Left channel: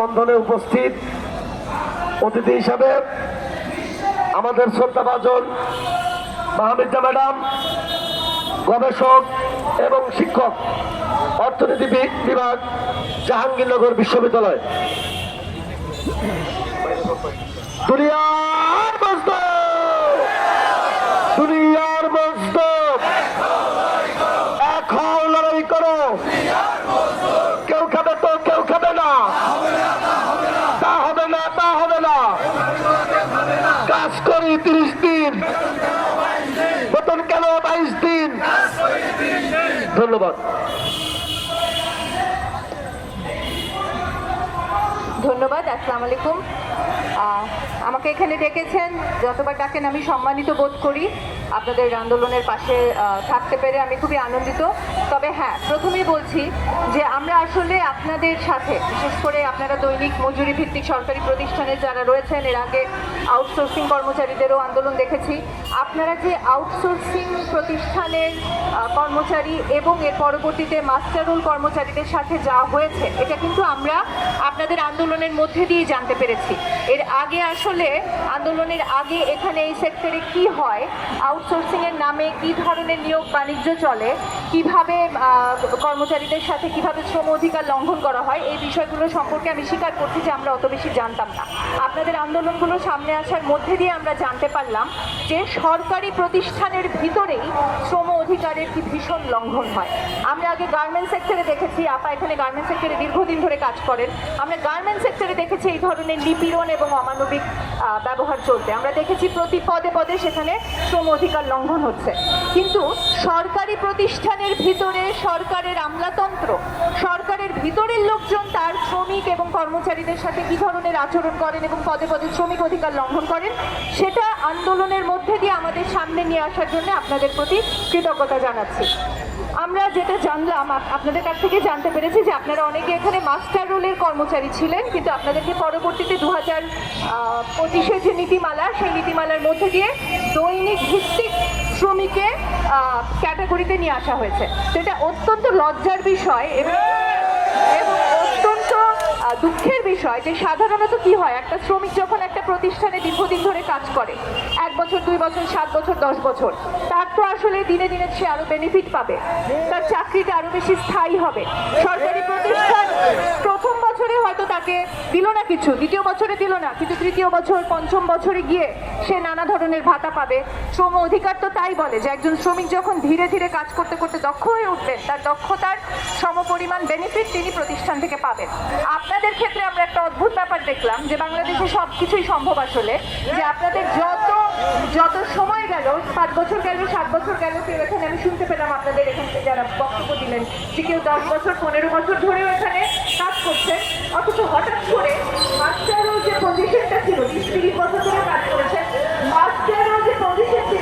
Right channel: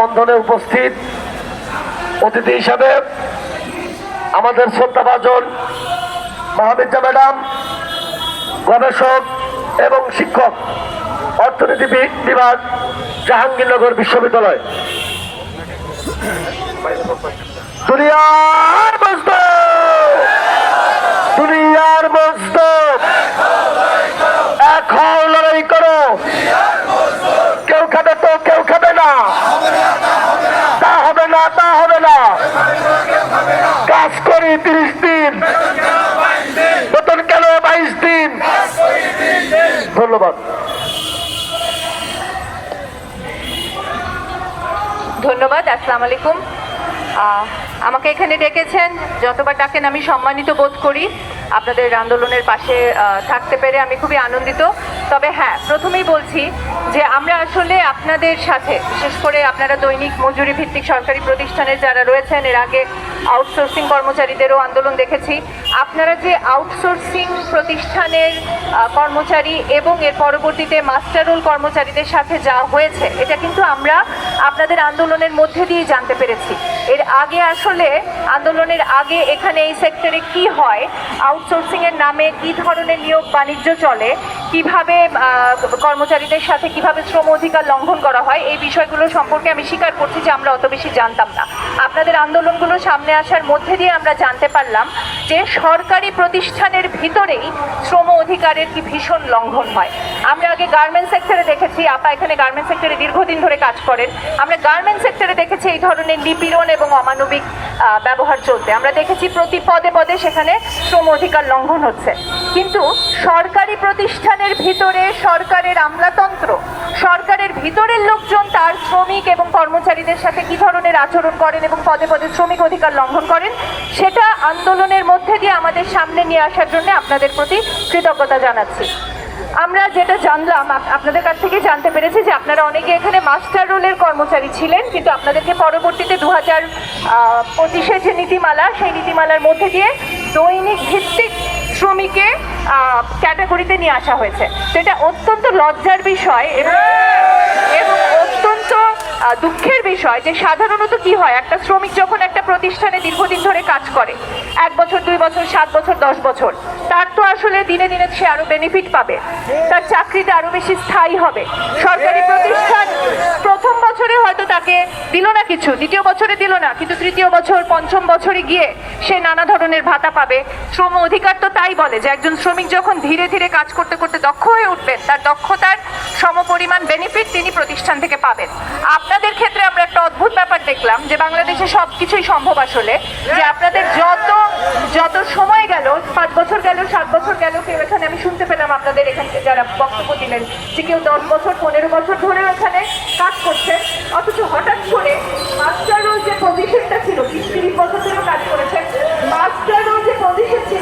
বন্ধনে উপস্থিত অতিথি হিসাবে আমাদের শ্রদ্ধাভাজন মাহমিদা ম্যাডাম, গবেষক এবং শিক্ষক, অর্থনীতি বিভাগ, জাহাঙ্গীরনগর বিশ্ববিদ্যালয়। দুনিয়ার মজদুর, দুনিয়ার মজদুর, এক হও, লড়াই করো। কেউ খাবে তো কেউ খাবে না, তা হবে না, তা হবে না। কাজ করি 30 দিন, বেতন কেন 22 দিন। ধন্যবাদ। ধন্যবাদ। আসসালামু আলাইকুম। আমাকে এখানে ডেকেছেন, যতবার ডাকেন আমি সম্মানিত বোধ করি। আপনাদের আন্দোলনের পাশে থাকতে পেরে আমি খুবই আনন্দিত। তবে হ্যাঁ, প্রথমেই বলছি যে আমরা আসলে আপনাদের সাথে, বিশেষ করে আপনারা দৈনিক মজুরি ভিত্তিক সরকারি প্রতিষ্ঠানে যারা রয়েছেন, এর আগে আউটসোর্সিং কর্মচারীদেরও আন্দোলন দেখেছি। আপনারা যে আউটসোর্সিং প্রতিষ্ঠানের কর্মচারী এবং এর পরবর্তীতে মাস্টার রোল কর্মচারীদের সাথে যা হয়েছে, এটা কিন্তু আমরা আপনাদের আন্দোলনের মধ্যে দিয়ে জানতে পেরেছি। এর আগে আসলে আন্দোলনের আগে এখানে এই সেক্টরে কি হয়, আউটসোর্সিং এর নামে কি ধরনের নিয়োগ বাণিজ্য চলে, কিভাবে কর্মচারীদের সাথে কিভাবে শ্রম অধিকার লঙ্ঘন করা হয়, এই বিষয়গুলো সম্পর্কে আমি স্বীকার করছি যে আমরা অত বেশি জানতাম না। আপনাদের আন্দোলনগুলো সামনে আসার মধ্যে দিয়ে আমরা জানতে পারলাম যে সরকারি প্রতিষ্ঠানের ভিতরেই শ্রম অধিকারের কি ভীষণ লঙ্ঘন হয়। আমরা আগে গার্মেন্টস সেক্টরে দেখেছি, আপা এখানে গার্মেন্টস সেক্টরে দীর্ঘদিন ধরে কাজ করেন, আমরা গার্মেন্টস সেক্টরে দেখেছি এই ধরনের নিপীড়ন এবং অমানবিক ব্যবহার চলতে। আমরা দেখেছি প্রতি পদে পদে সেখানে শ্রম অধিকার লঙ্ঘন হচ্ছে। কিন্তু সরকারি প্রতিষ্ঠানের ভিতরে সরকারের আমলাতন্ত্র, সরকারের ভিতরের লোকজন তার শ্রমিক এবং কর্মচারীদের সাথে কি ধরনের আচরণ করেন এবং পদে পদে শ্রমিক অধিকার লঙ্ঘন করেন, সেটা আন্দোলনের মধ্যে দিয়ে আমাদের সামনে নিয়ে আসার জন্য আপনাদের প্রতি কৃতজ্ঞতা জানাচ্ছি। আমরা যেটা জানলাম, আপনাদের কাছ থেকে জানতে পেরেছি যে আপনারা অনেকে এখানে মাস্টার রোলের কর্মচারী ছিলেন, কিন্তু আপনাদেরকে পরবর্তীতে 2025-এর যে নীতিমালা, সেই নীতিমালার মধ্যে দিয়ে দৈনিক ভিত্তিক শ্রমিকে ক্যাটাগরিতে নিয়ে আসা হয়েছে। তো এটা অত্যন্ত লজ্জার বিষয় এবং অত্যন্ত দুঃখের বিষয় যে সাধারণত কি হয়, একটা শ্রমিক যখন একটা প্রতিষ্ঠানে দীর্ঘদিন ধরে কাজ করে, 1 বছর 2 বছর 7 বছর 10 বছর, তার তো আসলে দিনে দিনে সে আরো বেনিফিট পাবে, তার চাকরিটা আরো বেশি স্থায়ী হবে। সরকারি প্রতিষ্ঠান প্রথম বছরে হয়তো তাকে দিল না কিছু, দ্বিতীয় বছরে দিল না, কিন্তু তৃতীয় বছর পঞ্চম বছরে গিয়ে সে নানা ধরনের ভাতা পাবে। শ্রম অধিকার তো তাই বলে যে একজন শ্রমিক যখন ধীরে ধীরে কাজ করতে করতে দক্ষ হয়ে উঠবেন, তার দক্ষতার সমপরিমাণ বেনিফিট তিনি প্রতিষ্ঠান থেকে পাবেন। আপনাদের ক্ষেত্রে আমরা একটা অদ্ভুত ব্যাপার দেখলাম যে বাংলাদেশে সবকিছুই সম্ভব আসলে, যে আপনাদের যত সময় গেল, 5 বছর গেল, 7 বছর গেল, কেউ এখানে আমি শুনতে পেলাম আপনাদের এখানে যারা বক্তব্য দিলেন যে কেউ 10 বছর 15 বছর ধরেও এখানে কাজ করছে, অথচ হঠাৎ করে মাস্টার রোল যে পজিশনটা ছিল, 20-30 বছর ধরে কাজ করেছেন, মাস্টার রোল যে পজিশন ছিল